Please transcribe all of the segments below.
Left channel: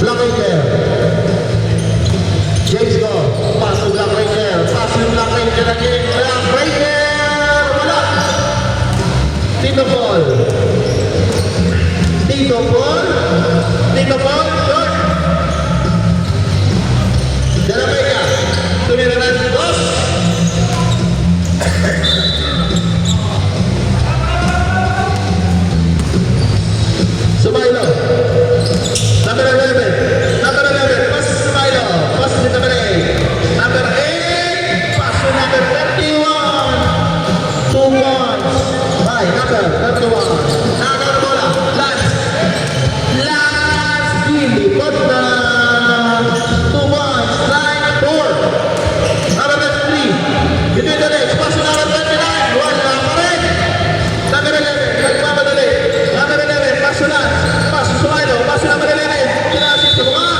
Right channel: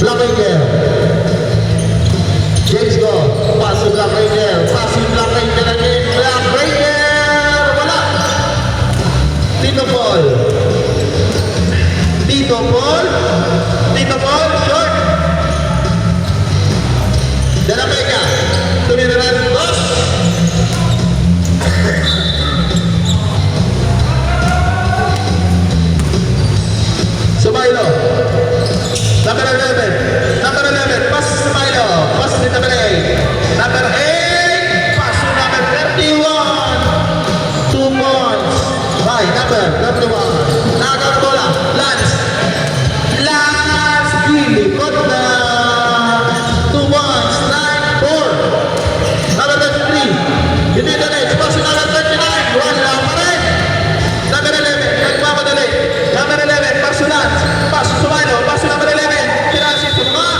Black Ranger. James Bond. Pass to Black Ranger. Pass to Black Ranger again. Black Ranger. Wala. Tito Paul. Tito Paul. Tito Paul. Short. De La Vega. Tumiraran. Boss. Sumailo. Number 11. Number 11. Pass to Sumailo. Pass to number 8. Number 8. Pass to number 31. 2 points. By number 31. Nagaw bola. Lance. Lance. Billy Cotna. 2 points. 9-4. Number 23. Give me the next. Pass to number 29. 1 lang pa rin. Number 11. Nagmamadali. Number 11. Pass to Lance. Pass to Sumailo. Pass to number 11. Pinasip ko mga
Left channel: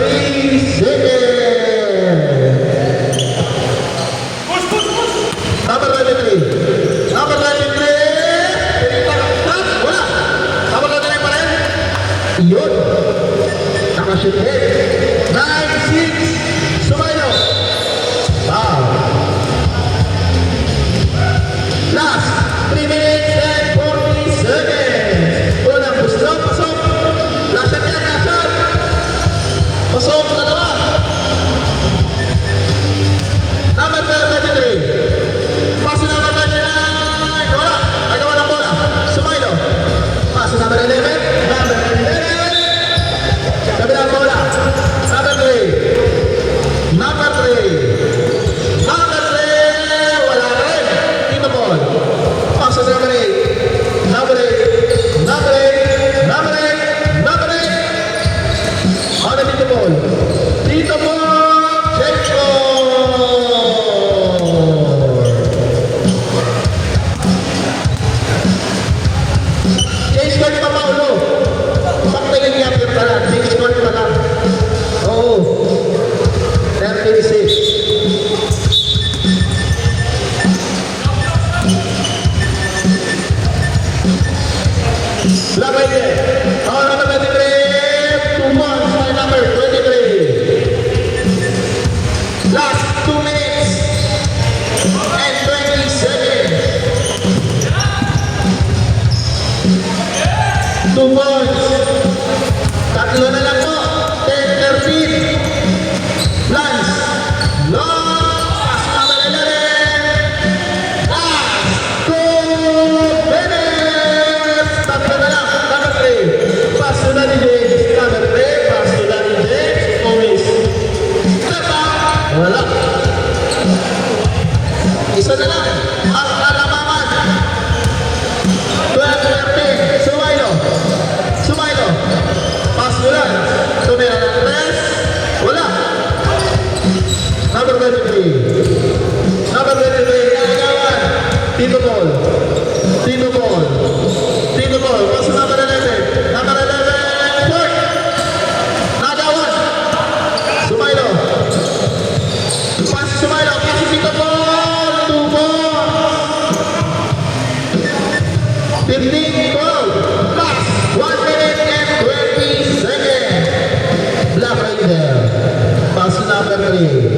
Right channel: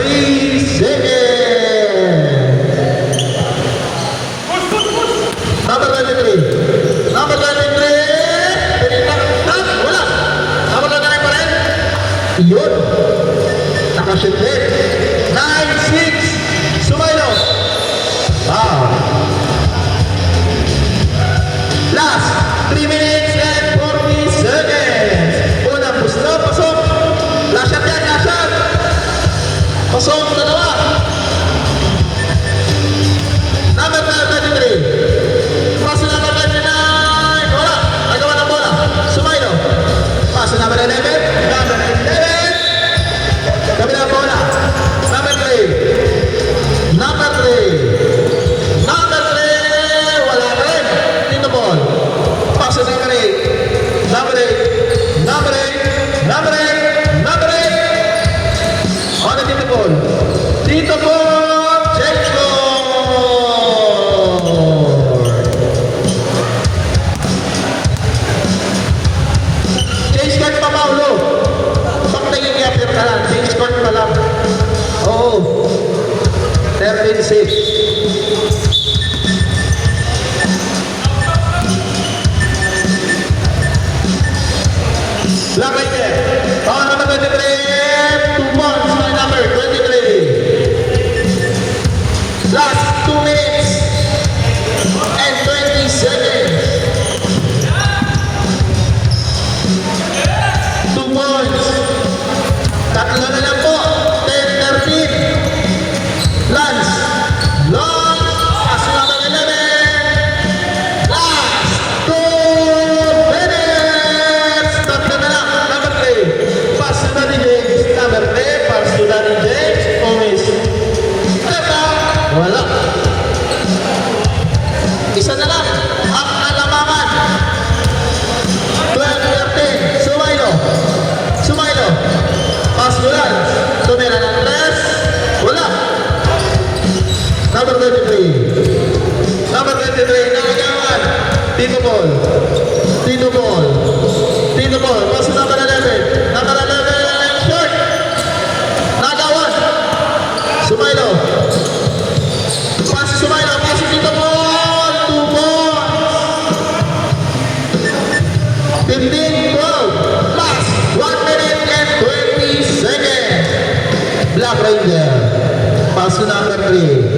3 seconds. Number 23. Number 23. Wala. Number 29 pa rin. Yun. Nakashoot rin. 9-6. Sumailo. Last 3 minutes and 40 seconds. Unang gusto, pasok. Last shot yan, last shot. Pasok, dalawa. Number 33. Pass to number 29. Wala. Nagawa ng bola. Sumailo. Pass to number 11. Number 11. Kabila ang bola. Number 3. Number 3. Number 3. Wala rin. Tito Paul. Pass to number 8. Number 8. Number 8. Number 8. Number 8. On to Tito Paul. Tito Paul. Check score. Change court pa, Paulo. Bakit naging-appear ka lang? Change court pa lang. Oo. 36. Black Ranger. Oh, number 23. 2 months na number 23. Last 2 minutes and 20 seconds. 2 months. Tatlo na lang po. 10-13. Lance. Lance. Number 11. Last 2 minutes. Tatlo na lang. Number 3. Pass to Danny James. Number 3. Pass to Danny James. Always. Wala. Isa na lang. Ang alamangan. 12-13. Sumailo. Sumailo. Pass to Lance. Tumira ng Lance. Wala. Number 23. Number 23. Nakagawan. Tito Paul. Tito Paul. Tito Paul. Pass to number 11. Number 11. Short. Nagawan. Sumailo. Pass to Sumailo. Pass to Tito Paul. 2 points. 15-12. Last 1 minute and 20 seconds. Black Ranger. Pass to number 3.